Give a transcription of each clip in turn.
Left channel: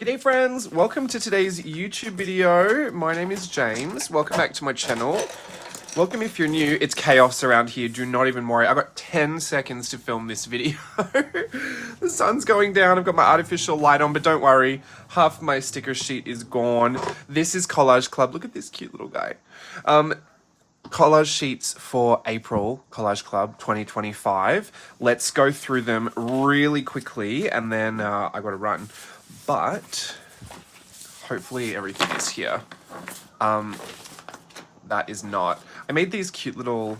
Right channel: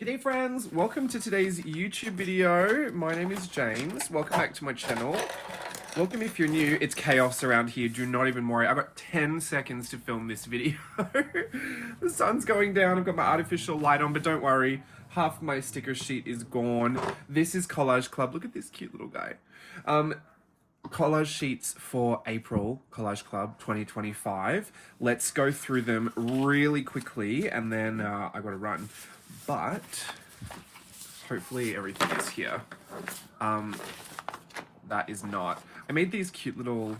G'day friends, welcome to today's YouTube video. My name is James. Welcome back to my channel. Welcome if you're new. It's chaos around here. Do not even worry. I've got 10 seconds to film this video. The sun's going down. I've got my artificial light on, but don't worry. Half my sticker sheet is gone. This is Collage Club. Look at this cute little guy. Collage sheets for April Collage Club 2025. Let's go through them really quickly and then I gotta run. But hopefully everything's here. That is not. I made these cute little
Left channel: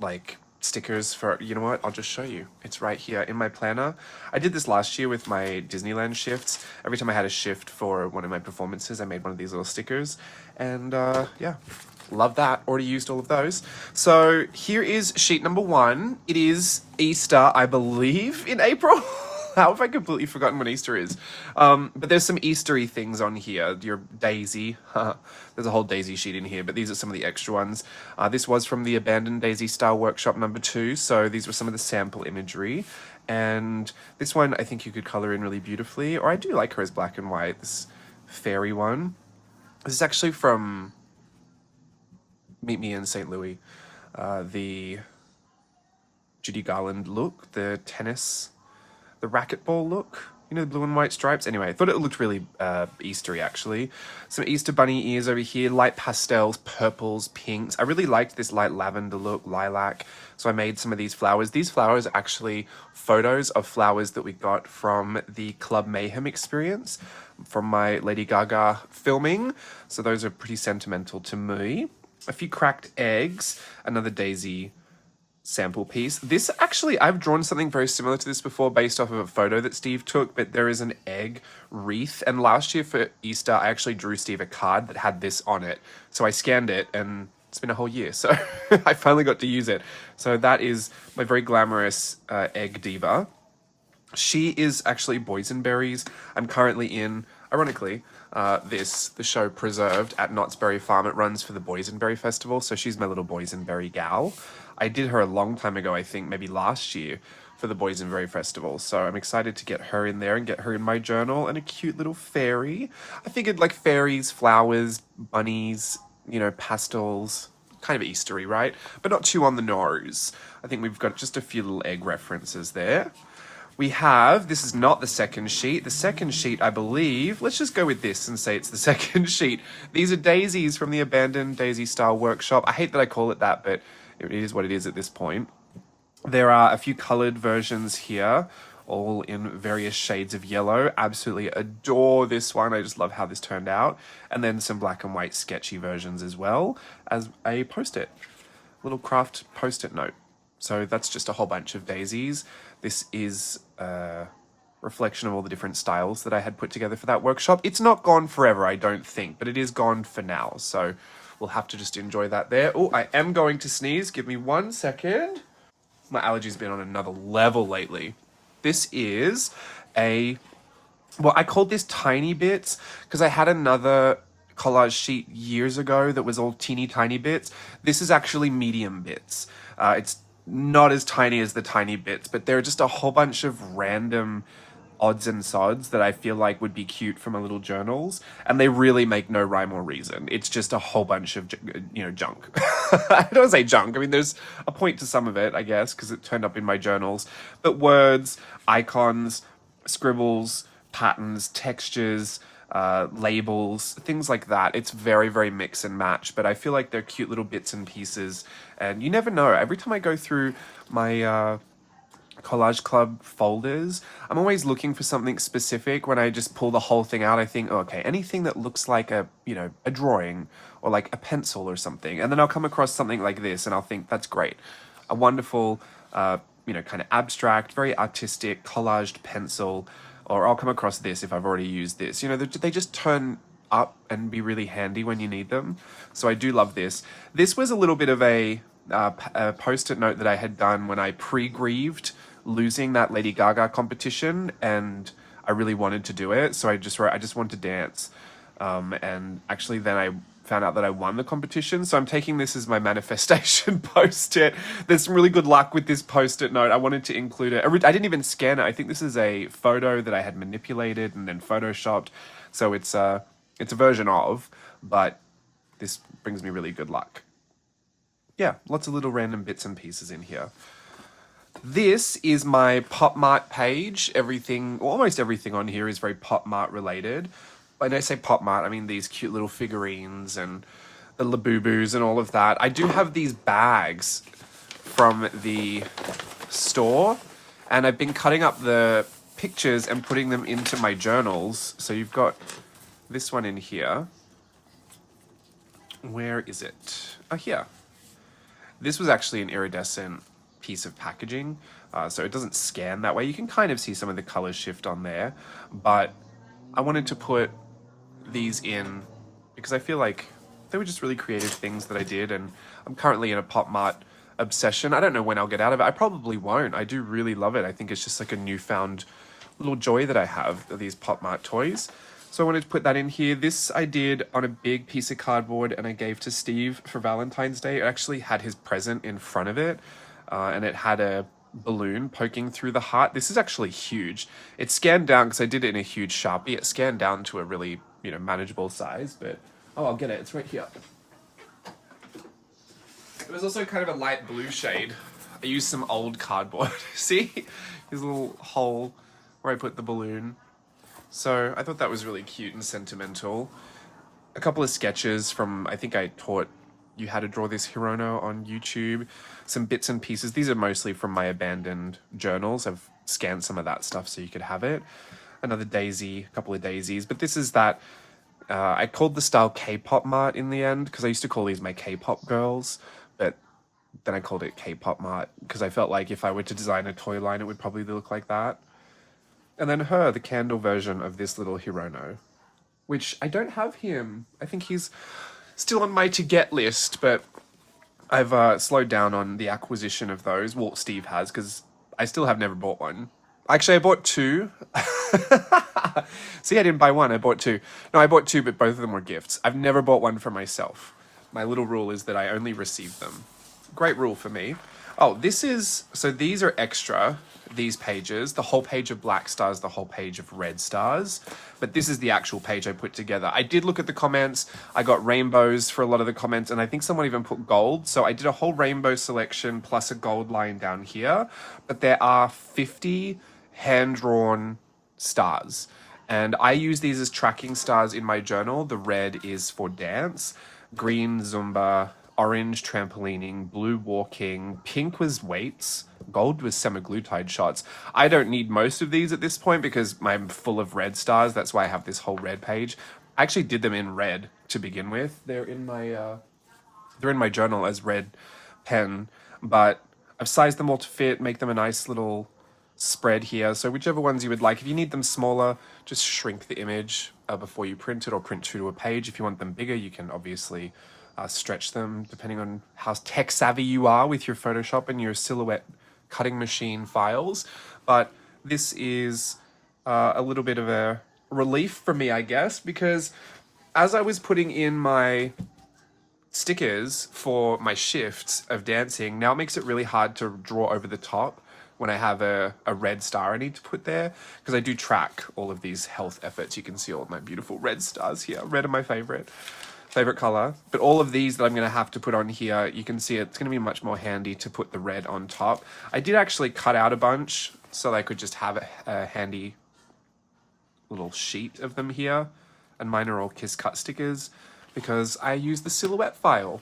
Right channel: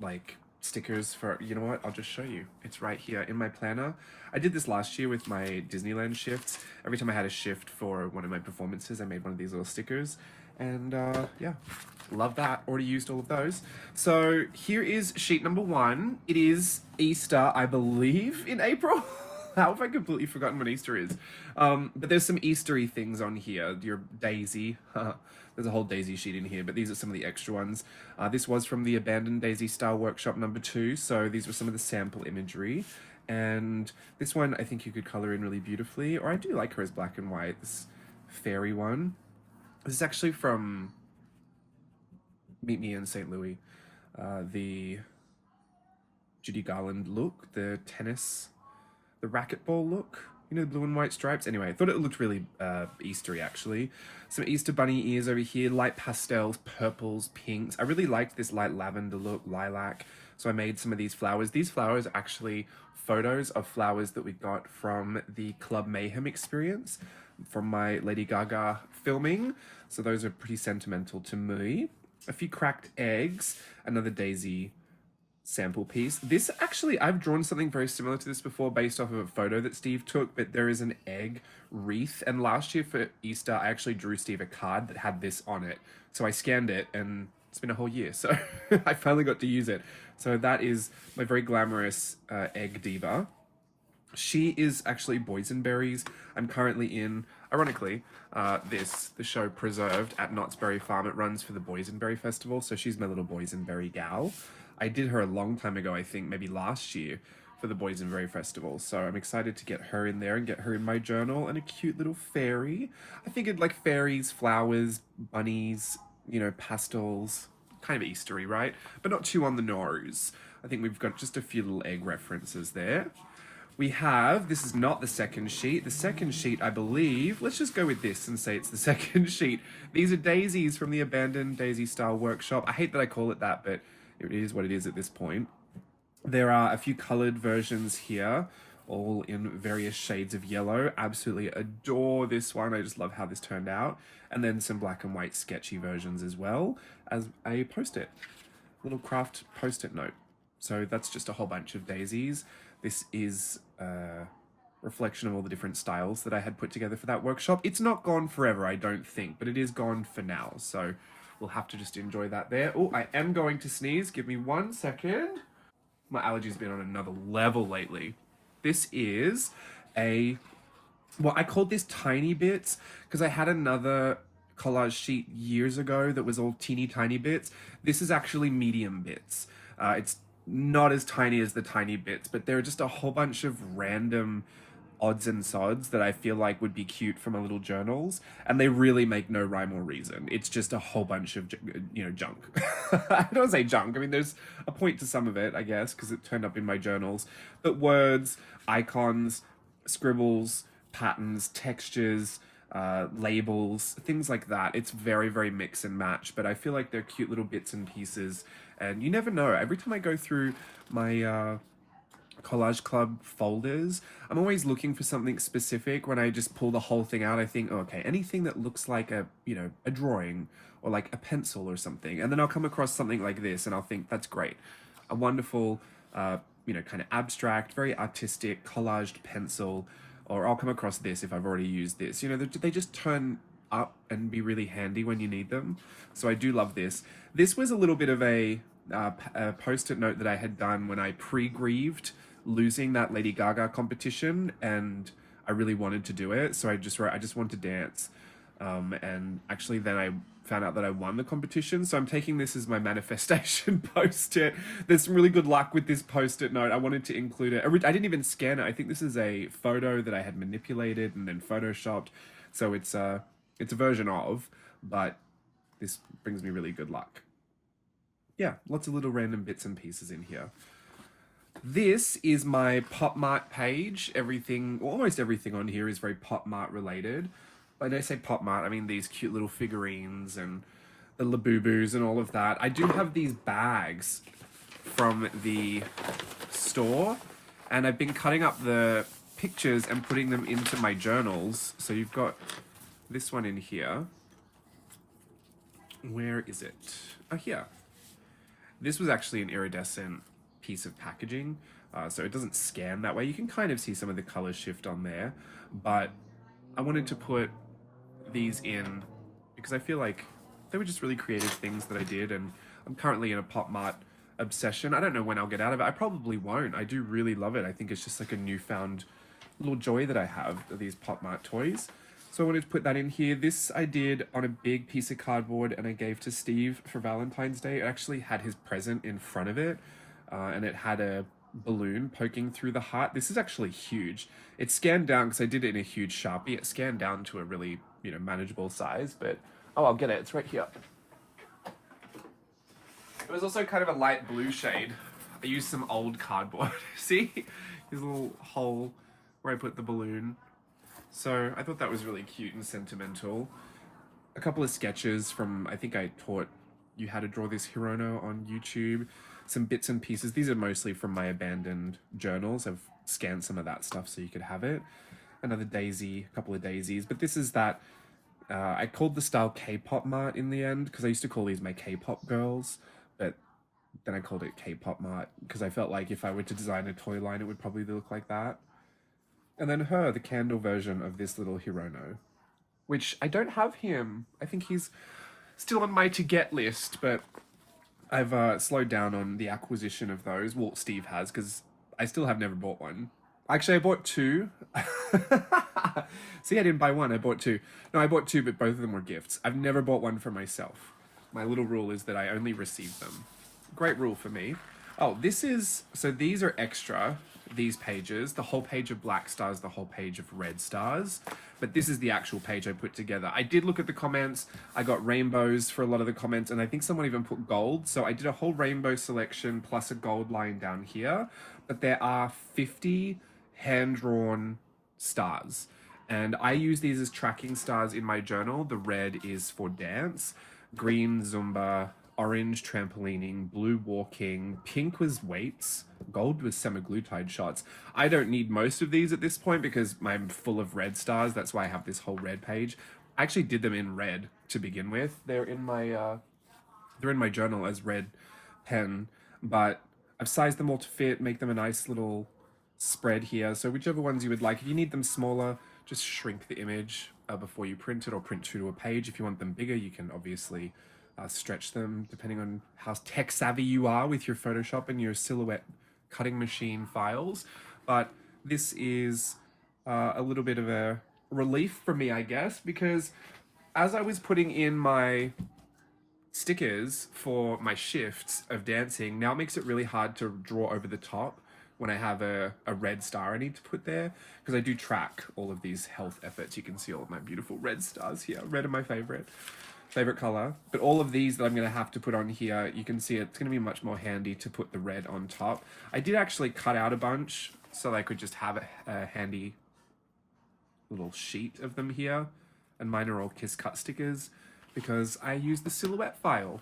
like stickers for, you know what, I'll just show you. It's right here in my planner. I did this last year with my Disneyland shifts. Every time I had a shift for one of my performances, I made one of these little stickers. And yeah, love that. Already used all of those. So here is sheet number 1. It is Easter, I believe, in April. How have I completely forgotten when Easter is? But there's some Eastery things on here. Your Daisy. There's a whole Daisy sheet in here, but these are some of the extra ones. This was from the Abandoned Daisy Style Workshop number 2, so these were some of the sample imagery. And this one, I think you could color in really beautifully, or I do like her as black and white, this fairy one. This is actually from Meet Me in St. Louis. The Judy Garland look, the tennis, the racquetball look, you know, the blue and white stripes. Anyway, I thought it looked really Eastery, actually. Some Easter bunny ears over here, light pastels, purples, pinks. I really liked this light lavender look, lilac. So I made some of these flowers. These flowers are actually photos of flowers that we got from the Club Mayhem experience from my Lady Gaga filming. So those are pretty sentimental to me. A few cracked eggs, another Daisy sample piece. This actually, I've drawn something very similar to this before based off of a photo that Steve took, but there is an egg wreath. And last year for Easter, I actually drew Steve a card that had this on it. So I scanned it and it's been a whole year. So I finally got to use it. So that is my very glamorous egg diva. She is actually Boysenberry's. I'm currently in, ironically, the show Preserved at Knott's Berry Farm. It runs for the Boysenberry Festival. So she's my little Boysenberry gal. I did her a long time ago, I think maybe last year for the Boysenberry Festival. So I'm excited to get her in there and get her in my journal, and a cute little fairy. I figured like fairies, flowers, bunnies, you know, pastels, kind of Eastery, right? But not too on the nose. I think we've got just a few little egg references there. We have, this is not the second sheet. The second sheet, I believe, let's just go with this and say it's the second sheet. These are daisies from the Abandoned Daisy Style Workshop. I hate that I call it that, but it is what it is at this point. There are a few colored versions here, all in various shades of yellow. Absolutely adore this one. I just love how this turned out. And then some black and white sketchy versions as well as a post-it, little craft post-it note. So that's just a whole bunch of daisies. This is a reflection of all the different styles that I had put together for that workshop. It's not gone forever, I don't think, but it is gone for now. So we'll have to just enjoy that there. Oh, I am going to sneeze. Give me 1 second. My allergies been on another level lately. This is well, I called this Tiny Bits because I had another collage sheet years ago that was all teeny tiny bits. This is actually medium bits. It's not as tiny as the Tiny Bits, but there are just a whole bunch of random odds and sods that I feel like would be cute for my little journals, and they really make no rhyme or reason. It's just a whole bunch of, you know, junk. I don't say junk. I mean, there's a point to some of it, I guess, because it turned up in my journals. But words, icons, scribbles, patterns, textures, labels, things like that. It's very, very mix and match, but I feel like they're cute little bits and pieces, and you never know. Every time I go through my Collage Club folders, I'm always looking for something specific. When I just pull the whole thing out, I think, oh, okay, anything that looks like a, you know, a drawing or like a pencil or something, and then I'll come across something like this and I'll think that's great. A wonderful, you know, kind of abstract, very artistic collaged pencil, or I'll come across this if I've already used this. You know, they just turn up and be really handy when you need them. So I do love this. This was a little bit of a post-it note that I had done when I pre-grieved losing that Lady Gaga competition, and I really wanted to do it. So I just wrote, I just want to dance. And actually then I found out that I won the competition. So I'm taking this as my manifestation post-it. There's some really good luck with this post-it note. I wanted to include it. I didn't even scan it. I think this is a photo that I had manipulated and then photoshopped. So it's a version of, but this brings me really good luck. Yeah, lots of little random bits and pieces in here. This is my Pop Mart page. Everything, almost everything on here is very Pop Mart related. When I say Pop Mart, I mean these cute little figurines and the Labubus and all of that. I do have these bags from the store, and I've been cutting up the pictures and putting them into my journals. So you've got this one in here. Where is it? Oh, here. This was actually an iridescent piece of packaging, so it doesn't scan that way. You can kind of see some of the colors shift on there, but I wanted to put these in because I feel like they were just really creative things that I did, and I'm currently in a Pop Mart obsession. I don't know when I'll get out of it. I probably won't. I do really love it. I think it's just like a newfound little joy that I have of these Pop Mart toys. So I wanted to put that in here. This I did on a big piece of cardboard and I gave to Steve for Valentine's Day. It actually had his present in front of it, and it had a balloon poking through the heart. This is actually huge. It scanned down because I did it in a huge Sharpie. It scanned down to a really, manageable size, but oh, I'll get it. It's right here. It was also kind of a light blue shade. I used some old cardboard. See? There's a little hole where I put the balloon. So I thought that was really cute and sentimental. A couple of sketches from, I think I taught you how to draw this Hirono on YouTube. Some bits and pieces. These are mostly from my abandoned journals. I've scanned some of that stuff so you could have it. Another daisy, a couple of daisies. But this is that, I called the style K-pop Mart in the end because I used to call these my K-pop girls. But then I called it K-pop Mart because I felt like if I were to design a toy line, it would probably look like that. And then her, the candle version of this little Hirono, which I don't have him. I think he's still on my to-get list, but I've slowed down on the acquisition of those. Well, Steve has, because I still have never bought one. Actually, I bought two. See, I didn't buy one, I bought two. No, I bought two, but both of them were gifts. I've never bought one for myself. My little rule is that I only receive them. Great rule for me. Oh, so these are extra, these pages. The whole page of black stars, the whole page of red stars. But this is the actual page I put together. I did look at the comments. I got rainbows for a lot of the comments, and I think someone even put gold. So I did a whole rainbow selection plus a gold line down here. But there are 50 hand-drawn stars. And I use these as tracking stars in my journal. The red is for dance, green Zumba, orange trampolining, blue walking, pink was weights, gold was semaglutide shots. I don't need most of these at this point because I'm full of red stars. That's why I have this whole red page. I actually did them in red to begin with. They're in my journal as red pen, but I've sized them all to fit, make them a nice little spread here. So whichever ones you would like. If you need them smaller, just shrink the image before you print it, or print true to a page. If you want them bigger, you can obviously stretch them depending on how tech savvy you are with your Photoshop and your Silhouette cutting machine files. But this is a little bit of a relief for me, I guess, because as I was putting in my stickers for my shifts of dancing, now it makes it really hard to draw over the top when I have a red star I need to put there, because I do track all of these health efforts. You can see all of my beautiful red stars here. Red are my favorite color, but all of these that I'm going to have to put on here, you can see it's going to be much more handy to put the red on top. I did actually cut out a bunch so that I could just have a handy little sheet of them here, and mine are all Kiss Cut stickers because I use the Silhouette file.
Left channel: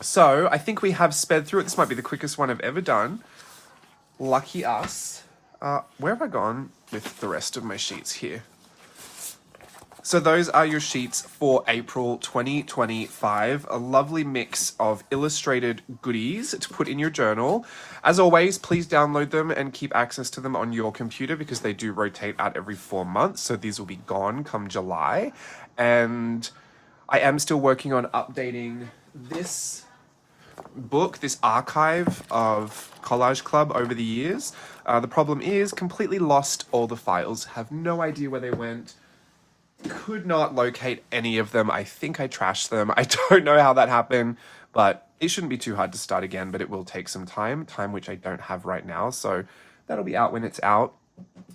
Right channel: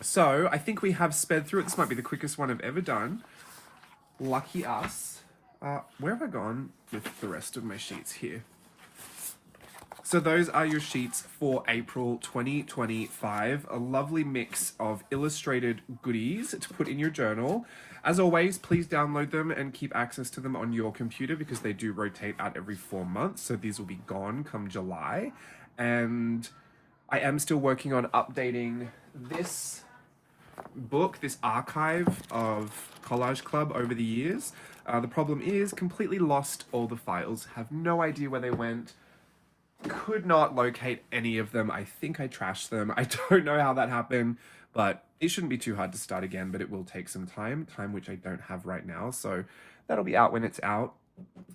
So I think we have sped through it. This might be the quickest one I've ever done. Lucky us. Where have I gone with the rest of my sheets here? So those are your sheets for April 2025. A lovely mix of illustrated goodies to put in your journal. As always, please download them and keep access to them on your computer because they do rotate out every 4 months. So these will be gone come July. And I am still working on updating this book, this archive of Collage Club over the years. The problem is completely lost all the files. Have no idea where they went. could not locate any of them. I think I trashed them. I don't know how that happened, but it shouldn't be too hard to start again, but it will take some time which I don't have right now. So that'll be out when it's out.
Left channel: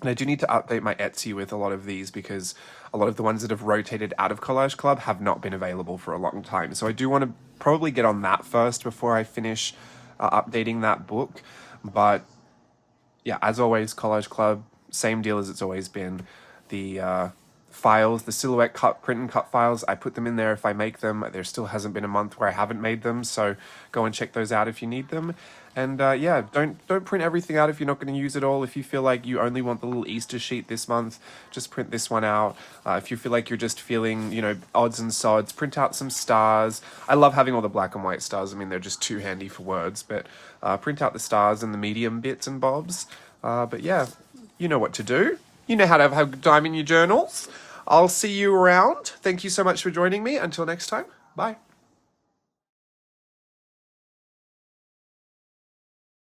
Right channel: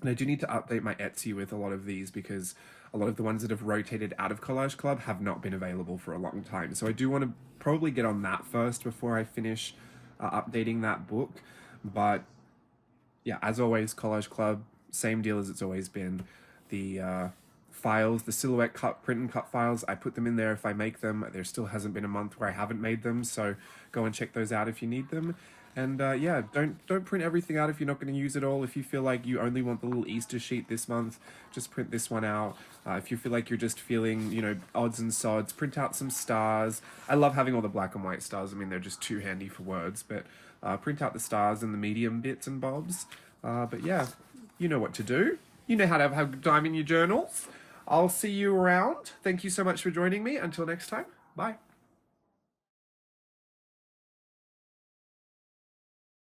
And I do need to update my Etsy with a lot of these because a lot of the ones that have rotated out of Collage Club have not been available for a long time. So I do want to probably get on that first before I finish updating that book. But yeah, as always, Collage Club, same deal as it's always been. The files, the silhouette cut, print and cut files, I put them in there if I make them. There still hasn't been a month where I haven't made them, so go and check those out if you need them. And yeah, don't print everything out if you're not going to use it all. If you feel like you only want the little Easter sheet this month, just print this one out. If you feel like you're just feeling, you know, odds and sods, print out some stars. I love having all the black and white stars. I mean, they're just too handy for words, but print out the stars and the medium bits and bobs. But yeah, you know what to do. You know how to have a good time in your journals. I'll see you around. Thank you so much for joining me. Until next time, bye.